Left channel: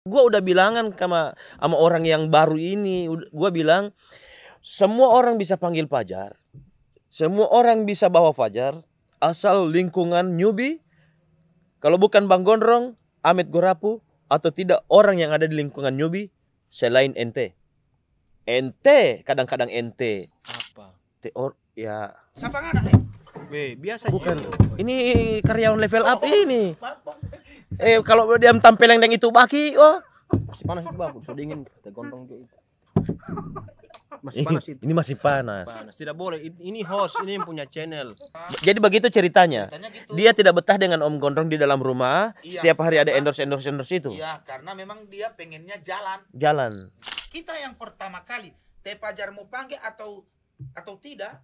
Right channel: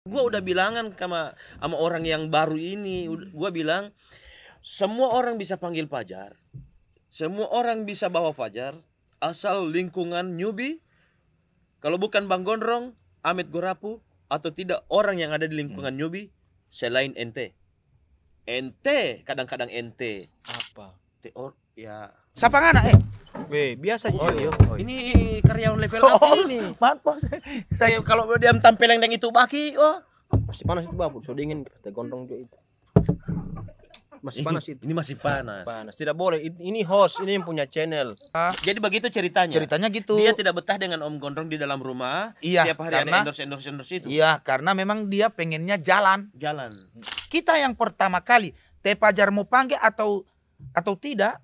Gua udah bilangan sama orang yang baru ini, gua bilang semua orang bisa panggil Fajar, semua orang bisa bawa Fajar, asal lingkungan newbie, kalau bukan Bang Gondrong, Amit Gorapu, atau tidak orang yang ada di lingkungan newbie selain ente. Ente kadang-kadang ente. Apa? Ya. Siapa anak Biasa Bukan. juga. Ini karyawan level up ini. Maaf. Kalau dia tampil yang itu baki, Masih panas itu babu, so dingin kita gondrong juga itu. Masih panas itu. Ini masih panas. Panas. Tidak boleh. Ini host, ini yang punya channel. Jadi begitu ceritanya. Ceritanya gitu. Dia tidak betah dengan Om Gondrong di dalam rumah. Iya, Setiap hari ada karena- endorse itu. Iya, karena memang dia pengennya jalan. Jalan. Kita yang pertama kali, Teh Fajar mau panggil atau tidak,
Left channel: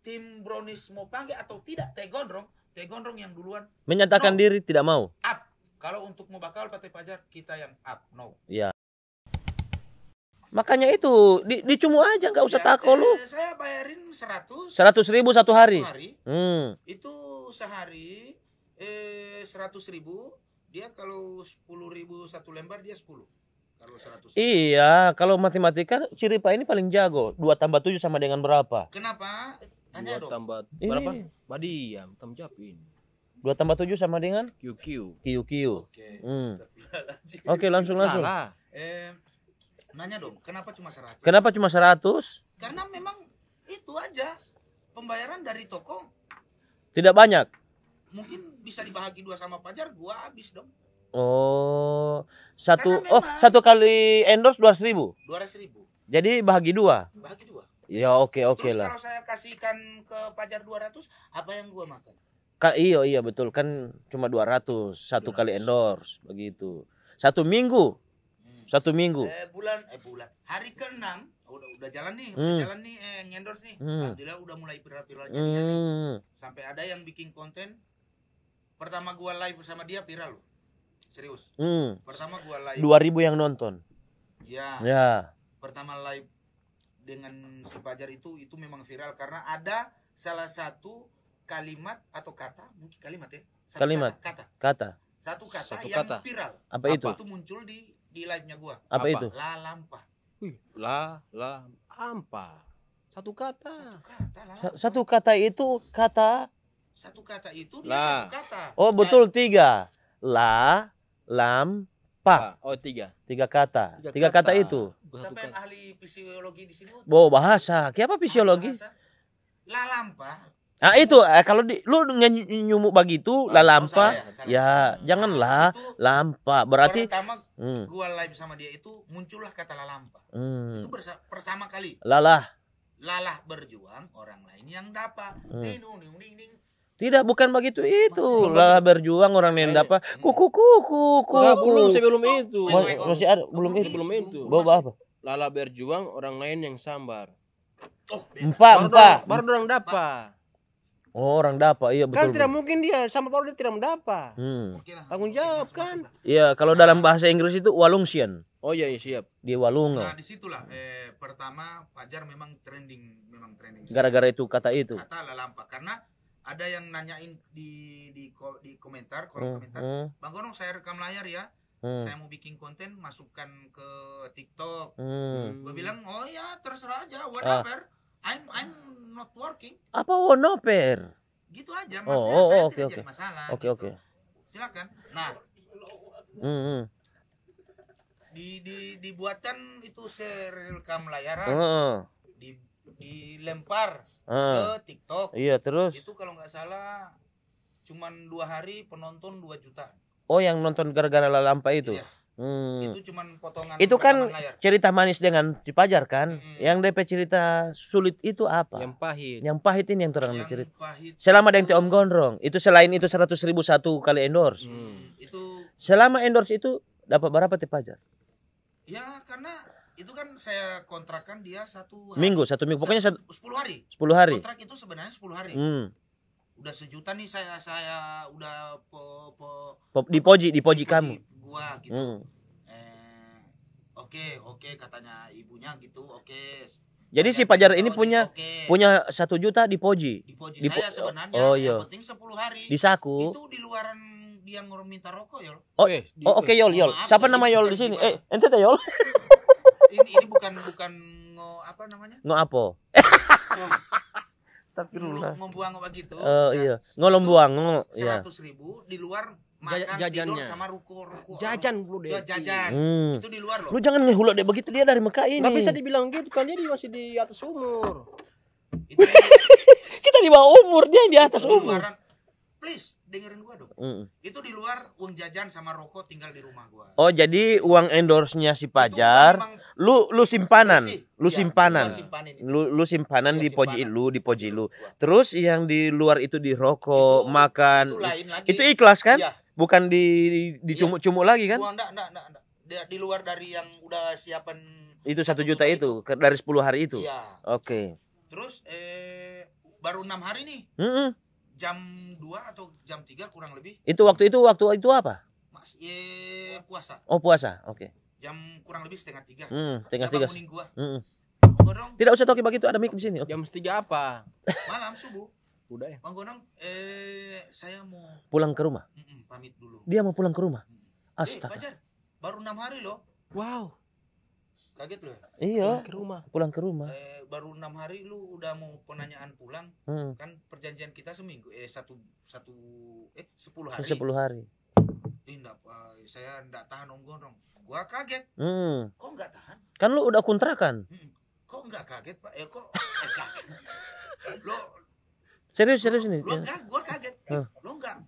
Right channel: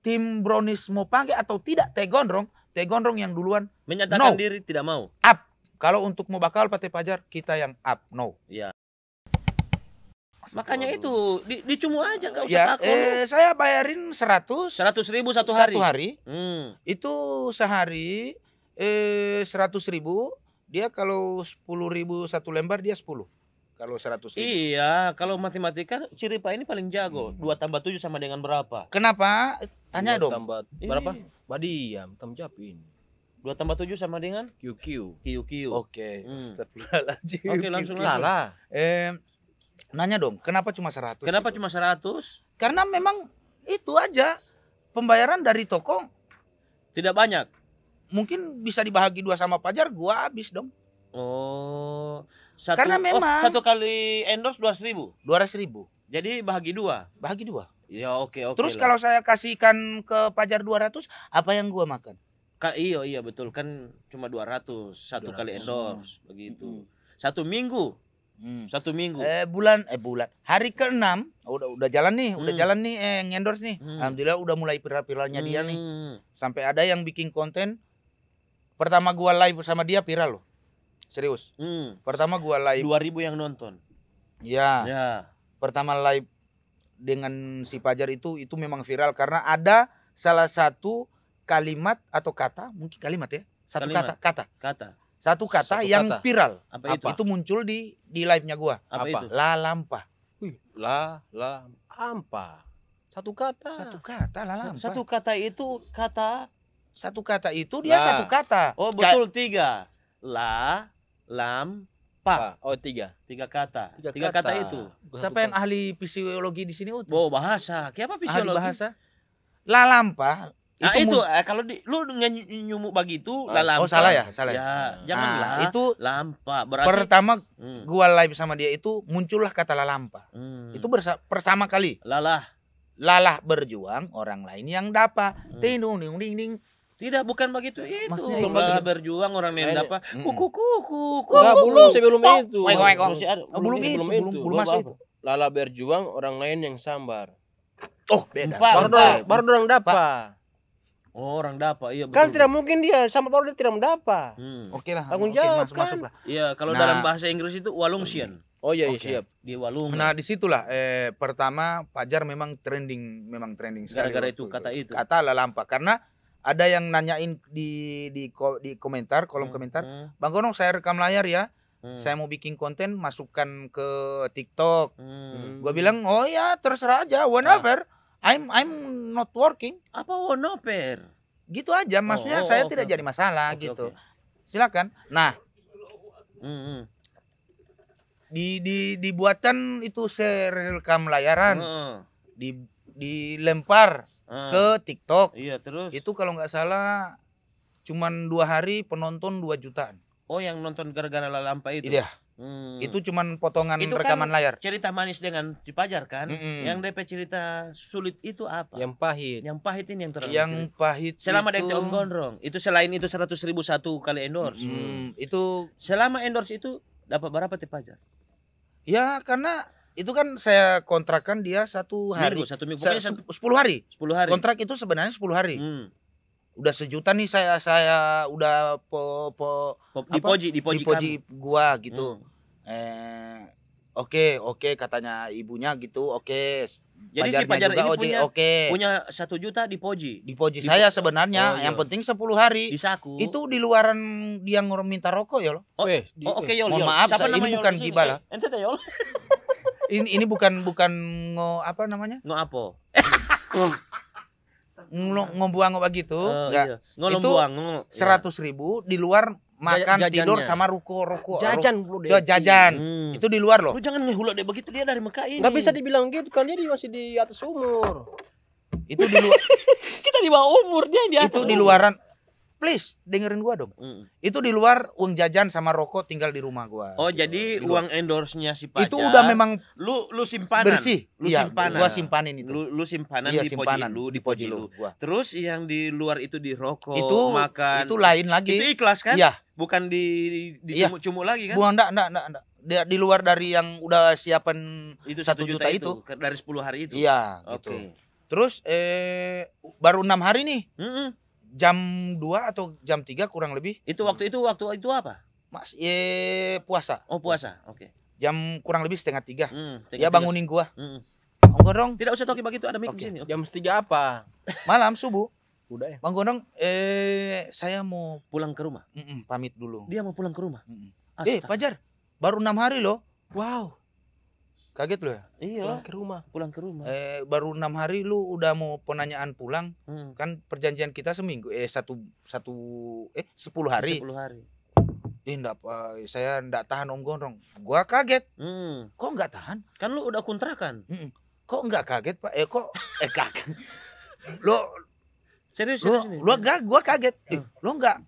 tim Brownies mau panggil atau tidak, Teh Gondrong yang duluan Menyatakan No. diri tidak mau. up. Kalau untuk mau bakal Teh Fajar, kita yang up, no. Iya. Makanya itu dicumu aja, nggak usah takut lu. Saya bayarin 100 100.000 satu hari. Itu sehari 100.000. Dia kalau 10.000 satu lembar, dia 10. Kalau 100.000. Iya, kalau matematika Ciripa ini paling jago. 2 tambah 7 sama dengan berapa? Kenapa? Tanya dong. Tambah Ini. berapa? Badiam, tamjapin. 2 tambah 7 sama dengan QQ. QQ. Oke. Hmm. Astagfirullahaladzim. Oke, langsung. Salah. Nanya dong, kenapa cuma 100? Kenapa cuma 100? Karena memang itu aja. Pembayaran dari toko Tidak banyak. mungkin bisa dibagi 2 sama Fajar, gua habis dong. Oh, Karena memang- satu kali endorse 200.000. 200.000. Jadi bahagi 2. Bahagi 2. Ya oke Terus lah. kalau saya kasihkan ke Fajar 200, apa yang gua makan? Iya betul kan cuma 200 satu 200. kali endorse begitu. 1 minggu. 1 minggu. Bulan hari ke-6 udah jalan nih, ngendorse nih. Hmm. Alhamdulillah udah mulai viral-viralnya dia nih. Hmm. Sampai ada yang bikin konten. Pertama gua live sama dia viral loh. Serius. Hmm. Pertama gua live. 2.000 yang nonton. Ya. Ya. Pertama live dengan si Fajar itu memang viral karena ada salah satu kalimat atau kata, mungkin kalimat ya. Satu Kalimat. kata. Satu kata Satu yang kata. viral. Apa itu? Itu muncul di live-nya gua. Apa Apa? itu? La lampa. Ampa. Satu kata. Satu kata la lampa. Satu kata itu kata. Satu kata itu dia La. satu kata. Oh betul 3. La, lam, pa. Oh, 3. 3 kata. 3 Tiga kata kata. itu. Siapa yang ahli fisiologi di sini? Bahasa. Apa fisiologi? Ahli bahasa. La lampa. Nah itu kalau lu nyumuk begitu la lampa. salah ya, salah. Ya, janganlah. Itu Lampa. Berarti pertama Hmm. gua live sama dia itu muncullah kata la lampa. Hmm. Itu pertama kali. Lalah. Lalah berjuang, orang lain yang dapat. Hmm. Ding ding ding ding ding. Tidak, bukan begitu itu. Maksudnya Lalah berjuang orang lain Ini- dapat. Hmm. Kuku. Enggak, belum sebelum itu. Weng, weng, weng. Masih ada. Belum itu. itu. Bawa masuk apa? Lala berjuang, orang lain yang sambar. Oh, beda. Empat. Baru orang dapat. Oh, orang dapat. Iya betul. Kan tidak mungkin dia sama baru dia tidak mendapat. Oke lah. Tanggung oke, jawab, masuk, kan? masuk lah. Iya, kalau Nah. dalam bahasa Inggris itu walungsian. Oh iya, Oke. siap. Dia walung. Nah, disitulah pertama Fajar memang trending sekali. Gara-gara itu kata itu. Kata la lampa karena ada yang nanyain di komentar, kolom komentar, Bang Gonong saya rekam layar ya. Saya mau bikin konten, masukkan ke TikTok. Gua bilang, "Oh ya, terserah aja, whenever. I'm not working." Apa wonoper? Gitu aja, maksudnya Oh, saya oke, tidak oke. jadi masalah Oke, gitu. oke. Silakan. Nah, Hmm. dibuatkan itu rekam layaran, Heeh. dilempar ke TikTok. Iya, terus. Itu kalau nggak salah cuman 2 hari penonton 2 jutaan. Oh, yang nonton gara-gara La Lampa itu. Iya. Hmm. Itu cuman potongan Itu kan rekaman layar. cerita manis dengan si Fajar kan. Mm-mm. Yang DP cerita sulit itu apa? Yang pahit. Yang pahit ini yang terang Yang cerita. pahit. Selama ada itu- yang Om Gondrong, itu selain itu 100.000 satu kali endorse. Itu Selama endorse itu dapat berapa Teh Fajar? ya karena itu kan saya kontrakkan dia 1 hari. Satu minggu. Pokoknya 10 hari. 10 hari. Kontrak itu sebenarnya 10 hari. Udah 1 juta nih saya udah Di poji kami. gua gitu. Hmm. Oke katanya ibunya gitu. Jadi si Pajarnya Fajar juga ini punya 1 juta di Poji. di Poji di saya Po- sebenarnya. oh, iya. Yang penting 10 hari. Di saku. Itu di luaran dia minta rokok ya loh. Oh oke Yol. mohon maaf, Siapa saya- nama ini Yol bukan di sini? gibah. Ente teh Yol. Ini bukan apa namanya? Ngo Ngombuang begitu. iya. Ngolombuang. 100.000 di luar makan Jajannya. tidur sama ruko Jajan bro deh. jajan. Hmm. Itu di luar loh. Lu jangan ngehulok deh begitu, dia dari Mekah ini. Nggak bisa dibilang gitu kan, dia masih di atas umur. Itu di luar, Kita di bawah umur, dia yang di atas itu di umur. luaran. Please dengerin gua dong. Mm. Itu di luar uang jajan sama rokok tinggal di rumah gua. Oh, jadi uang endorse-nya si itu udah Fajar memang lu simpanan. bersih. Lu Iya, simpanan. Gua simpanin itu. Lu simpanan Iya, di Poji simpanan. lu, di Poji lu. gua. Terus yang di luar itu di rokok, Itu makan. Itu lain lagi. Itu ikhlas kan? Iya. Bukan di Iya. cumuk-cumuk lagi kan? Gua enggak. Dia di luar dari yang udah siapan. Itu 1 1 juta juta itu dari 10 hari itu. Iya. Oke. Gitu. Terus baru 6 hari nih. Mm-mm. Jam 2 atau jam 3 kurang lebih. Itu waktu itu apa? Mas puasa. Oh, puasa. Oke. Jam kurang lebih setengah 3. Tengah Dia bangunin gua. Mm-mm. Gondrong Tidak usah toki begitu, ada mic di Oke. sini. Oke. Jam 3 apa? malam subuh. Udah ya. Bang Gondrong saya mau Pulang ke rumah. pamit dulu. Dia mau pulang ke rumah. Astaga. Fajar, baru 6 hari loh. Wow. Kaget lo ya? Iya, Pulang ke rumah. pulang ke rumah. Baru 6 hari lu udah mau penanyaan pulang. Hmm. Kan perjanjian kita seminggu 10 hari. 10 hari. Enggak, saya enggak tahan Om Gondrong. Gua kaget. Hmm. Kok enggak tahan? Kan lu udah kontrakan. Kok enggak kaget, Pak? Kaget. Lo Serius lo, nih. lo enggak, gua kaget. Lo enggak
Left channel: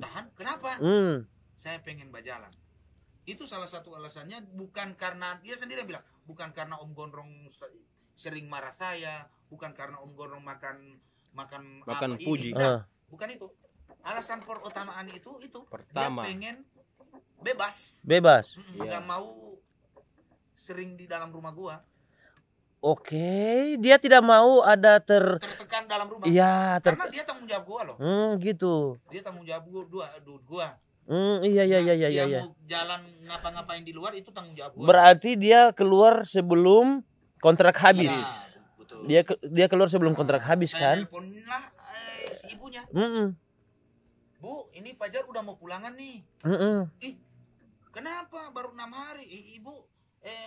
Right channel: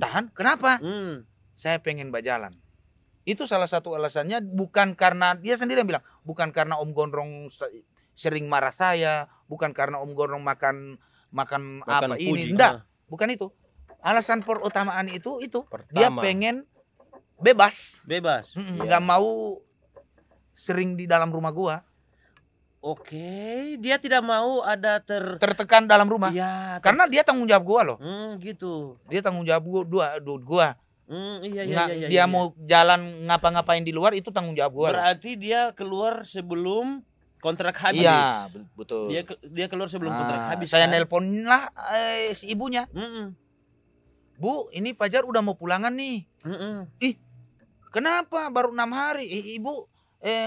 tahan. Kenapa? Hmm. Saya pengen berjalan. Itu salah satu alasannya, bukan karena dia sendiri yang bilang, bukan karena Om Gondrong sering marah saya, bukan karena Om Gondrong makan apa puji. ini. Enggak, bukan itu. Alasan perutamaan itu dia Pertama. pengen bebas. Bebas. Enggak mau sering di dalam rumah gua. Oke, dia tidak mau ada Tertekan dalam rumah. Iya, Karena dia tanggung jawab gua loh. gitu. Dia tanggung jawab gua. Iya. Dia mau jalan ngapa-ngapain di luar itu tanggung jawab gua. Berarti dia keluar sebelum kontrak habis. Iya, betul. Dia keluar sebelum kontrak habis Saya kan. nelponin lah si ibunya. Bu, ini Fajar udah mau pulangan nih. Kenapa baru 6 hari? Ibu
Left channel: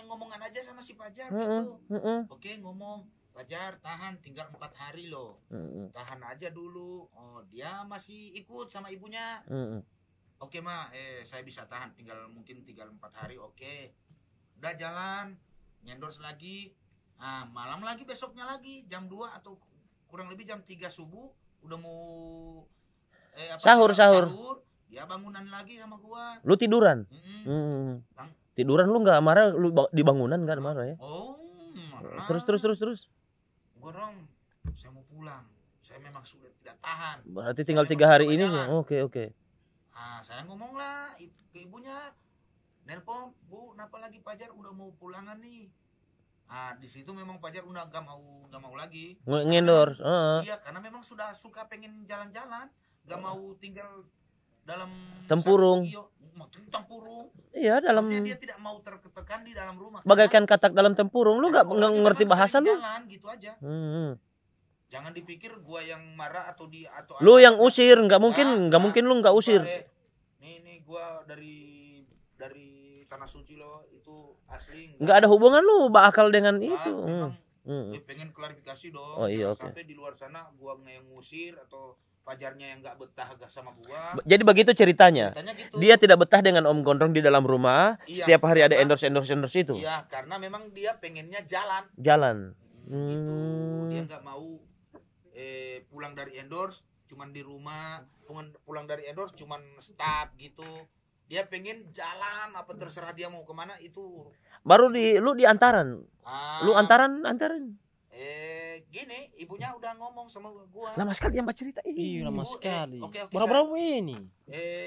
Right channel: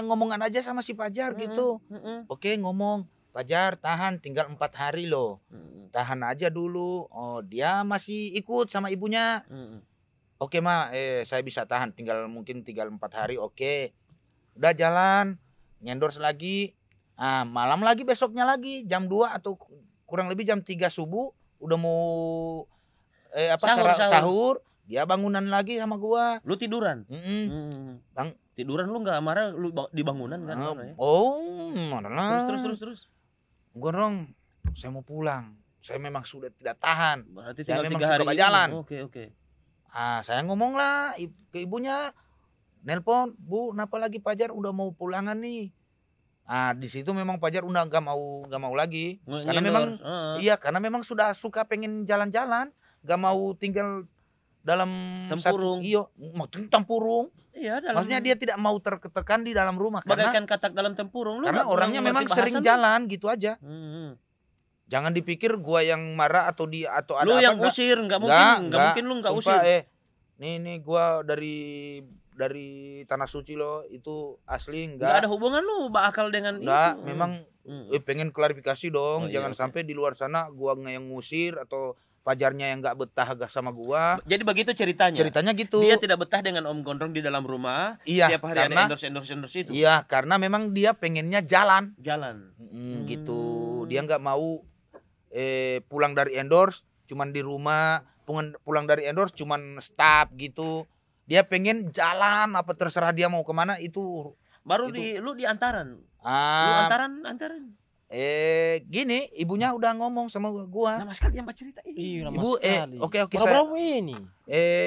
ngomongan aja sama si Fajar gitu. Oke, ngomong. Fajar tahan tinggal 4 hari loh. Tahan aja dulu. Oh, dia masih ikut sama ibunya. Oke, Ma, saya bisa tahan mungkin tinggal 4 hari. Oke. Udah jalan, ngendorse lagi. Malam lagi besoknya lagi jam 2 atau kurang lebih jam 3 subuh udah mau sahur. Dia bangunan lagi sama gua. Lu tiduran? Bang, tiduran lu nggak marah, lu di bangunan kan marah ya? Oh, marah. Terus. Gondrong, saya mau pulang. Saya memang sudah tidak tahan. Berarti Saya tinggal memang 3 hari suka ini. berjalan. Oke. Saya ngomong lah ke ibunya. Nelpon, Bu, kenapa lagi Fajar udah mau pulangan nih? Di situ memang Fajar udah nggak mau lagi. Ngendor. Iya, karena memang sudah suka pengen jalan-jalan, nggak mau tinggal dalam tempurung. Tempurung. Iya, dalam. Maksudnya dia tidak mau tertekan di dalam rumah. Bagaikan katak dalam tempurung. Lu nggak ngerti bahasa lu. Jalan gitu aja. Jangan dipikir gua yang marah atau lu yang usir, nggak mungkin lu nggak usir. Nih gua dari Tanah Suci loh, itu asli nggak ada hubungan lu bakal dengan itu. Memang pengen klarifikasi dong. Jangan sampai di luar sana gua yang ngusir atau Fajarnya yang nggak betah sama gua. Jadi begitu ceritanya. Ceritanya gitu. Dia tidak betah dengan Om Gondrong di dalam rumah. Iya, setiap hari ada endorse itu. Iya, karena memang dia pengennya jalan. Gitu. Dia nggak mau pulang dari endorse cuman di rumah, pulang dari endorse cuman stop gitu. Dia pengen jalan, apa terserah dia mau kemana itu. Baru lu di antaran. Lu antaran. Gini, ibunya udah ngomong sama gua. Lama sekali yang cerita ini. Iya, lama Ibu, sekali. Oke. Berapa ini?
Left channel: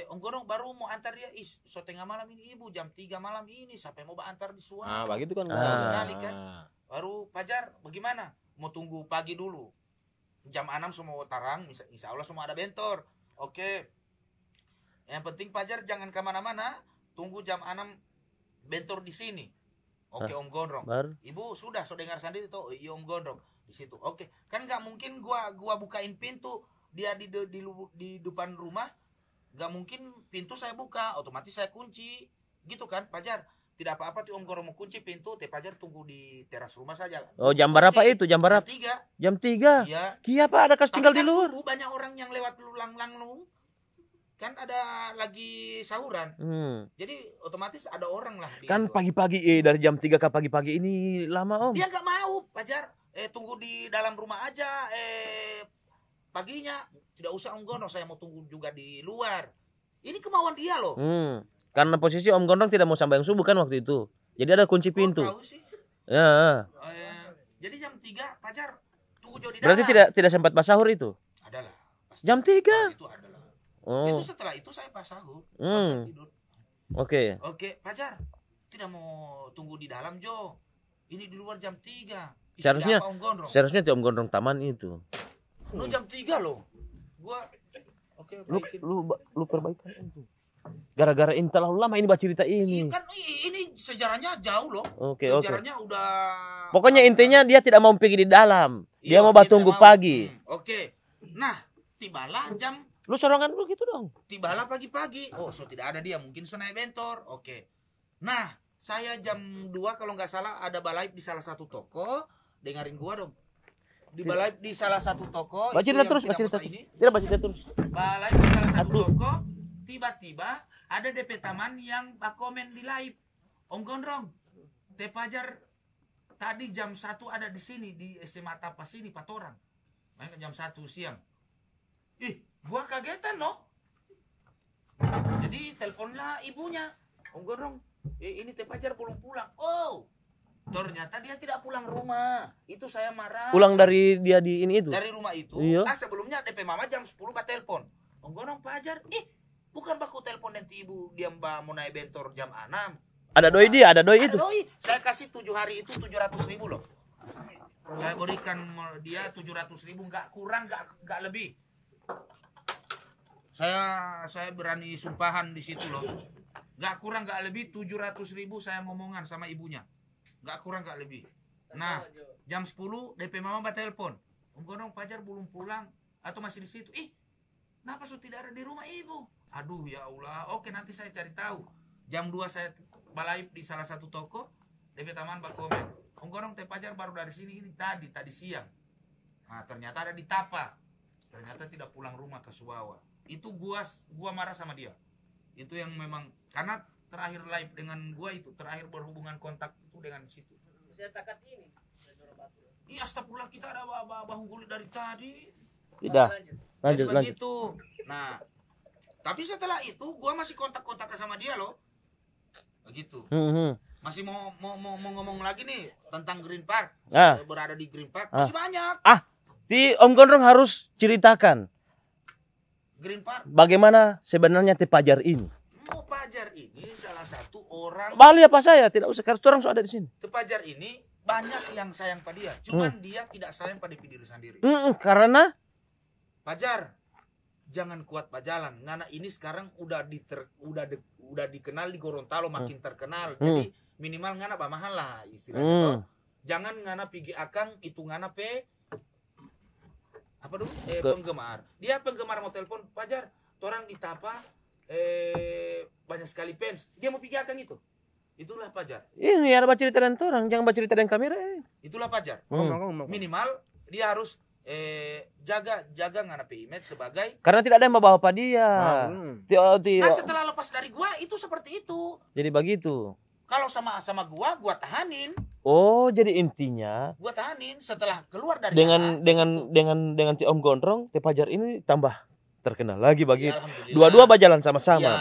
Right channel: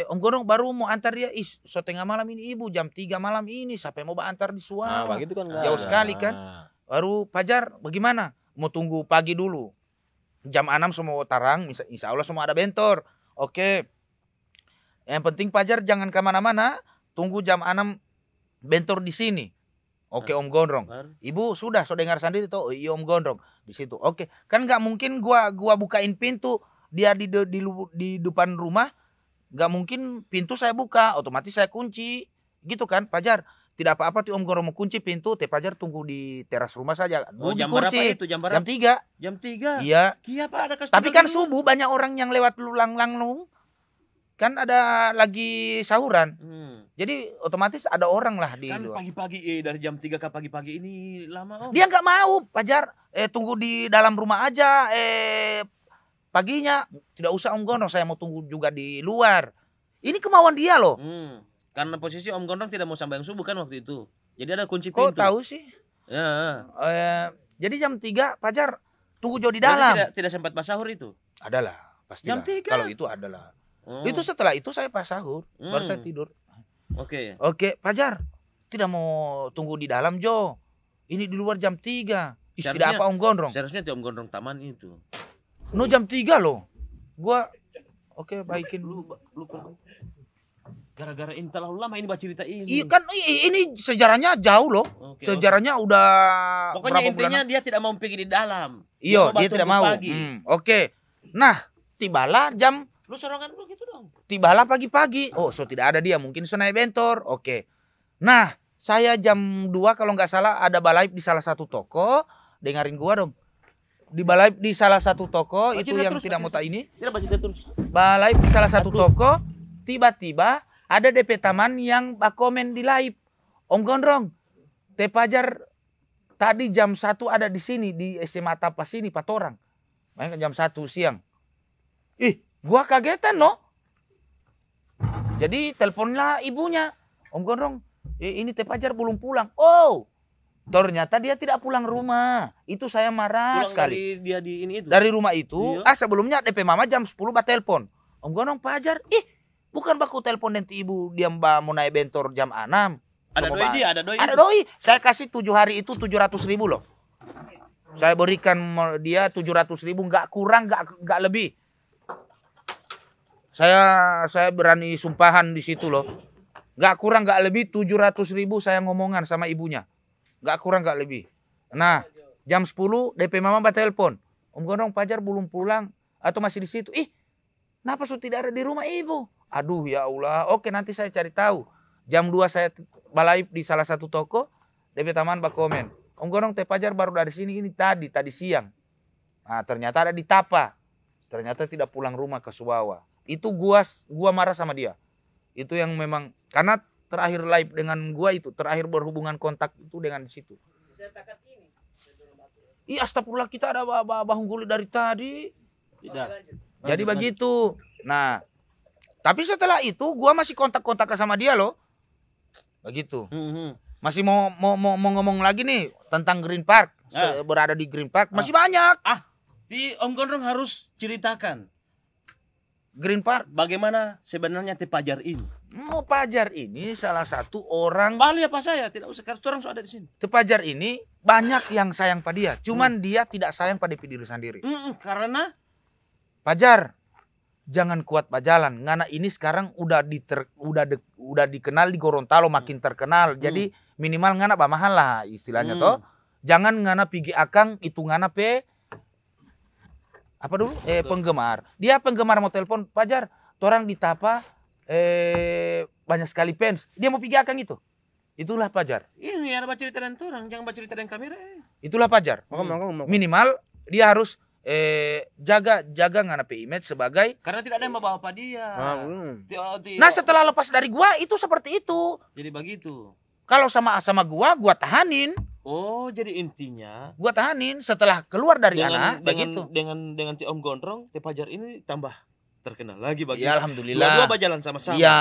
Om Gondrong baru mau antar dia. So tengah malam ini ibu, jam 3 malam ini. Sampai mau antar di Suara. Begitu kan. Jauh sekali kan. Baru Fajar, bagaimana? Mau tunggu pagi dulu. Jam 6 semua tarang, insya Allah semua ada bentor. Oke. Yang penting Fajar jangan kemana-mana. Tunggu jam 6 bentor di sini. Oke, Om Gondrong. Baru. Ibu sudah so dengar sendiri toh, iya Om Gondrong di situ. Oke, kan nggak mungkin gua bukain pintu dia di depan rumah, nggak mungkin pintu saya buka, otomatis saya kunci, gitu kan, Pajar. Tidak apa-apa tuh Om Gondrong mau kunci pintu, Teh Pajar tunggu di teras rumah saja. Oh, Duduk jam di berapa kursi. itu? Jam berapa? Jam 3. Jam 3. Iya. Iya, Pak, ada kas Tapi tinggal kan di luar. subuh banyak orang yang lewat lang-lang kan ada lagi sahuran. Jadi otomatis ada orang lah di Kan luar. pagi-pagi dari jam 3 ke pagi-pagi ini lama, Om. Dia nggak mau, Pajar. Tunggu di dalam rumah aja. Paginya tidak usah Om Gondrong, saya mau tunggu juga di luar. Ini kemauan dia loh. Karena posisi Om Gondrong tidak mau sampai yang subuh kan waktu itu. Jadi ada kunci Kok pintu. tahu sih? Ya. Jadi jam 3 Pajar tunggu jauh di Berarti dalam. tidak sempat pas sahur itu. Adalah. Pasti Jam 3? Kalau itu adalah. Oh. Itu setelah itu saya pas sahur, baru saya tidur. Oke. Oke, Pajar. Tidak mau tunggu di dalam, Jo. Ini di luar jam 3. Seharusnya- Tidak apa Om Gondrong. Seharusnya Om Gondrong taman itu. Jam 3 loh. Gua oke baikin. Lu perbaiki. Gara-gara ini terlalu lama ini baca cerita ini. Iya kan ini sejarahnya jauh loh. Oke, Sejarahnya udah pokoknya berapa intinya dia tidak mau pergi di dalam. Dia Iya, mau dia tunggu tidak mau. pagi. Oke. Nah, tibalah Lu sorongan lu gitu dong. tibalah pagi-pagi. Oh, so tidak ada dia, mungkin so naik bentor. Oke. Nah, saya jam 2 kalau nggak salah ada balai di salah satu toko. Dengerin gua dong. Di balai di salah satu toko Baca itu dia yang terus, tidak baca mau dia tahu ini. Tidak baca dia terus. Balai di salah satu Aduh. toko, tiba-tiba ada DP teman yang komen di live. Om Gondrong, Teh Pajar tadi jam 1 ada di sini di SMA Tapas ini Patorang. Main jam 1 siang. Ih, gua kagetan no. Jadi teleponlah ibunya. Om Gondrong, ini Teh Pajar belum pulang. Oh, ternyata dia tidak pulang rumah. Itu saya marah. Pulang sekali. dari dia di ini itu. Dari rumah itu, Iya. sebelumnya DP mama jam 10 bah telepon. Om Gondrong Pajar, bukan baku telepon nanti ibu dia mbak mau naik bentor jam 6. Ada doi dia, ada doi Ada itu. doi. Saya kasih 7 hari itu 700.000 loh. Saya berikan dia 700.000, nggak kurang, nggak lebih. Saya berani sumpahan di situ loh. Nggak kurang, nggak lebih 700.000 saya ngomongan sama ibunya. Nggak kurang, nggak lebih. Nah, jam 10 DP mama bah telepon. Om Gondrong Pajar belum pulang atau masih di situ. Kenapa so tidak ada di rumah ibu? Aduh ya Allah. Oke, nanti saya cari tahu. Jam 2 saya balai di salah satu toko. DP taman bah komen. Om Gondrong Teh Pajar baru dari sini ini tadi siang. Nah, ternyata ada di Tapa. Ternyata tidak pulang rumah ke Subawa. Itu gua marah sama dia. Itu yang memang karena terakhir live dengan gua itu, terakhir berhubungan kontak itu dengan di situ. Iya, astagfirullah, kita ada bahung gulit dari tadi. Tidak. Jadi begitu. Nah, tapi setelah itu gua masih kontak-kontak sama dia loh. Begitu. Masih mau ngomong lagi nih tentang Green Park. Berada di Green Park masih banyak. Di Om Gondrong harus ceritakan Green Park. bagaimana sebenarnya Teh Pajar ini. Mau Pajar ini salah satu orang. Bali apa saya? Tidak usah, karena orang sudah ada di sini. Teh Pajar ini banyak yang sayang pada dia. Cuman dia tidak sayang pada diri sendiri. Karena Pajar, jangan kuat bajalan. Ngana ini sekarang udah dikenal di Gorontalo, makin terkenal. Jadi minimal ngana mahal lah istilahnya toh. Jangan ngana pigi akang itu ngana apa dulu? Penggemar. Dia penggemar mau telepon, Pajar, orang di Tapa banyak sekali fans. Dia mau pigi akang itu. Itulah Pajar. ini ada baca cerita dan orang, jangan baca cerita dan kamera. Itulah Pajar. Minimal dia harus jaga ngana image sebagai. Karena tidak ada yang membawa apa dia. Nah, setelah lepas dari gua itu seperti itu. Jadi begitu. Kalau sama gua tahanin. Oh, jadi intinya Gua tahanin setelah keluar dari dengan begitu. dengan Om Gondrong, Teh Pajar ini tambah terkenal lagi bagi. Ya, alhamdulillah. Dua-dua berjalan sama-sama. Iya.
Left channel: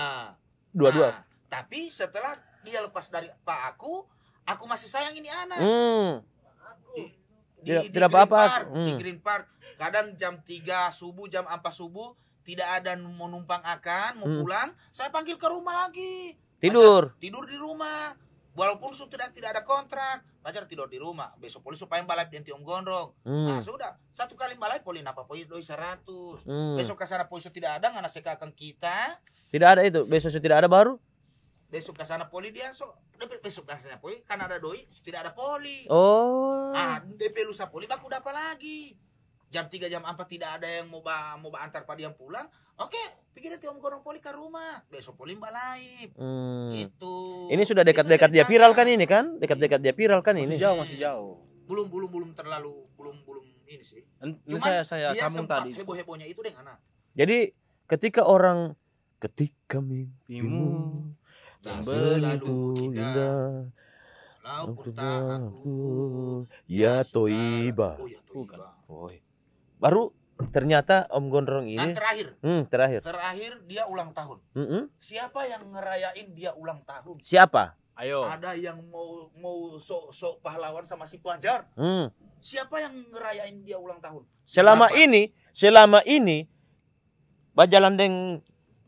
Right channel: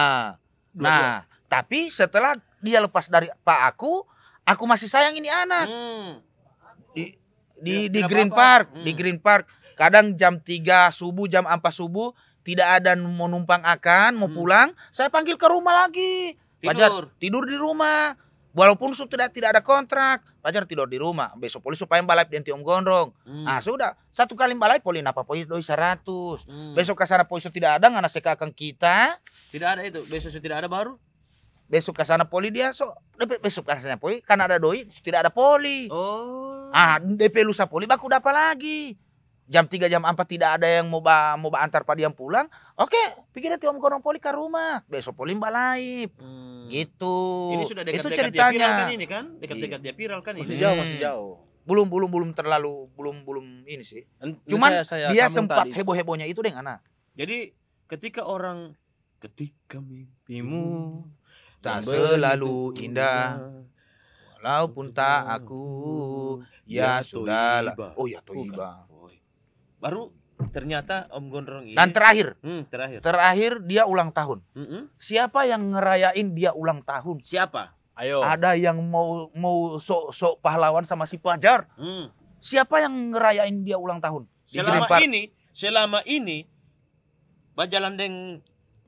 Dua-dua. Nah, tapi setelah dia lepas dari Pak aku masih sayang ini anak. Di tidak Green apa-apa. Park, di Green Park. Kadang jam 3 subuh, jam 4 subuh tidak ada mau numpang akan, mau pulang, saya panggil ke rumah lagi. Tidur. Pajar, tidur di rumah. Walaupun tidak ada kontrak, Pajar tidur di rumah. Besok polisi supaya balai di Om Gondrong. Nah, sudah. Satu kali balai polisi apa polisi doi 100. Besok ke sana polisi tidak ada ngana seka akan kita. Tidak ada itu. Besok tidak ada baru. besok ke sana poli dia besok ke sana poli kan ada doi tidak ada poli. Oh. DP lusa poli baku dapat lagi. Jam 3 jam 4 tidak ada yang mau antar padiam pulang. Oke, pikir dia Om Gondrong poli ke rumah. Besok poli mbak live. Gitu. Ini sudah dekat-dekat dia viral kan ini kan? Dekat-dekat dia viral kan ini. Masih jauh. Belum terlalu belum ini sih. Cuman dia sempat heboh-hebohnya itu dengan anak. Jadi ketika mimpimu tak selalu indah, walaupun tak aku ya toiba. Oh ya toiba. Baru ternyata Om Gondrong ini. Dan terakhir dia ulang tahun. Siapa yang ngerayain dia ulang tahun? Siapa? Ayo. Ada yang mau sok pahlawan sama si Fajar. Siapa yang ngerayain dia ulang tahun? Selama ini Bajalan deng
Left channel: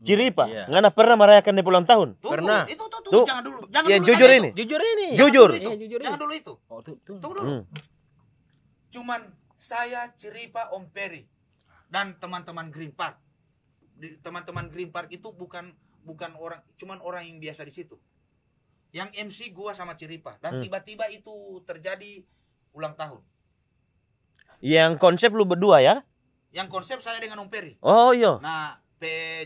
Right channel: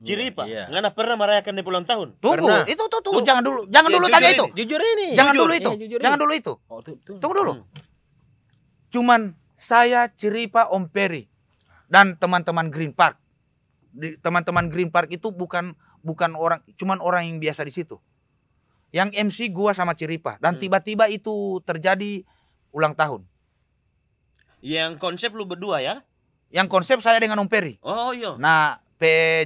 Ciripa, ngana pernah merayakan dia ulang tahun? Tunggu, itu tuh. Jangan dulu ya, tanya itu. Jujur ini. Jangan dulu itu. Tunggu dulu. Cuman saya Ciripa Om Peri dan teman-teman Green Park. Teman-teman Green Park itu bukan orang, cuman orang yang biasa di situ. Yang MC gua sama Ciripa dan tiba-tiba itu terjadi ulang tahun. Yang konsep lu berdua ya? Yang konsep saya dengan Om Peri. Oh iya. Nah,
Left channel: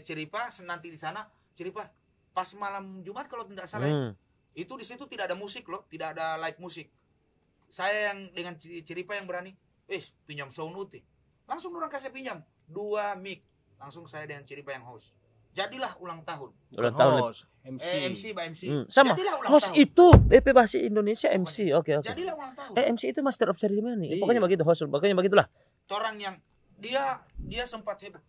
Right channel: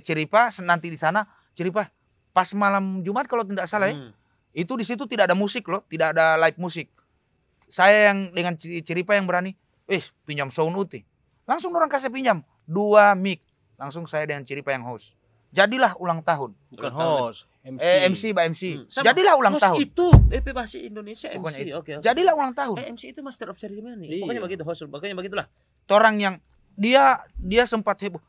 Ciripa nanti di sana, Ciripa pas malam Jumat kalau tidak salah ya. Itu di situ tidak ada musik loh, tidak ada live musik. Saya yang dengan Ciripa yang berani, pinjam sound uti. Langsung orang kasih pinjam 2 mic. Langsung saya dengan Ciripa yang host. Jadilah ulang tahun. Host, MC. Sama. Jadilah ulang host tahun. Itu DP bahasa Indonesia MC. Oke. Jadilah ulang tahun. MC itu master of ceremony. Iya. Pokoknya begitu host. Pokoknya begitulah. Orang yang dia sempat heboh.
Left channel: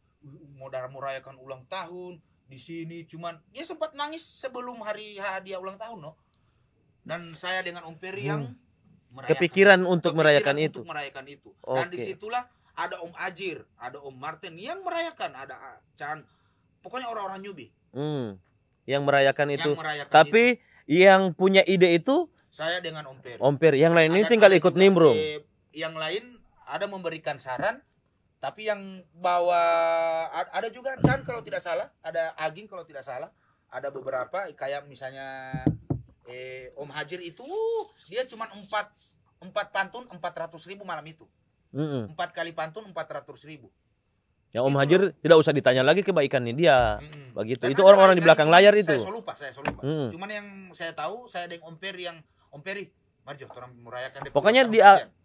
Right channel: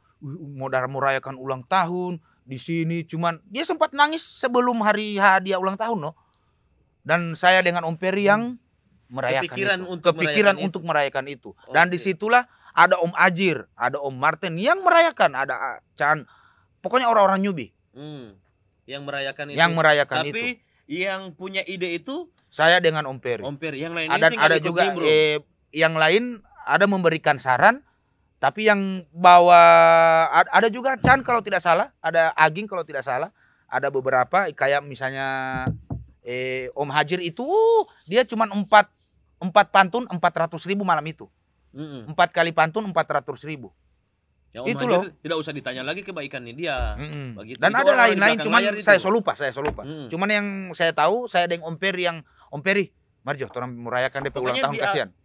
Mau merayakan ulang tahun di sini, cuman dia sempat nangis sebelum hari dia ulang tahun loh. Dan saya dengan Om Peri yang merayakan kepikiran untuk merayakan itu. Dan disitulah ada Om Ajir, ada Om Martin yang merayakan, ada Chan, pokoknya orang-orang newbie yang merayakan itu. Tapi yang punya ide itu saya dengan Om Peri. Yang lain ini tinggal ikut nimbrung. Yang lain ada memberikan saran. Tapi yang bawa ada juga Chan kalau tidak salah, ada Aging kalau tidak salah, ada beberapa kayak misalnya Om Hajir itu dia cuma 4 pantun 400.000 malam itu. 4 kali pantun 400.000. Yang Om Hajir tidak usah ditanya lagi kebaikannya dia. Begitu. Dan itu orang-orang di belakang layar itu. Saya lupa. Cuman yang saya tahu saya dengan Om Peri Om Peri Marjo, orang merayakan DP pokoknya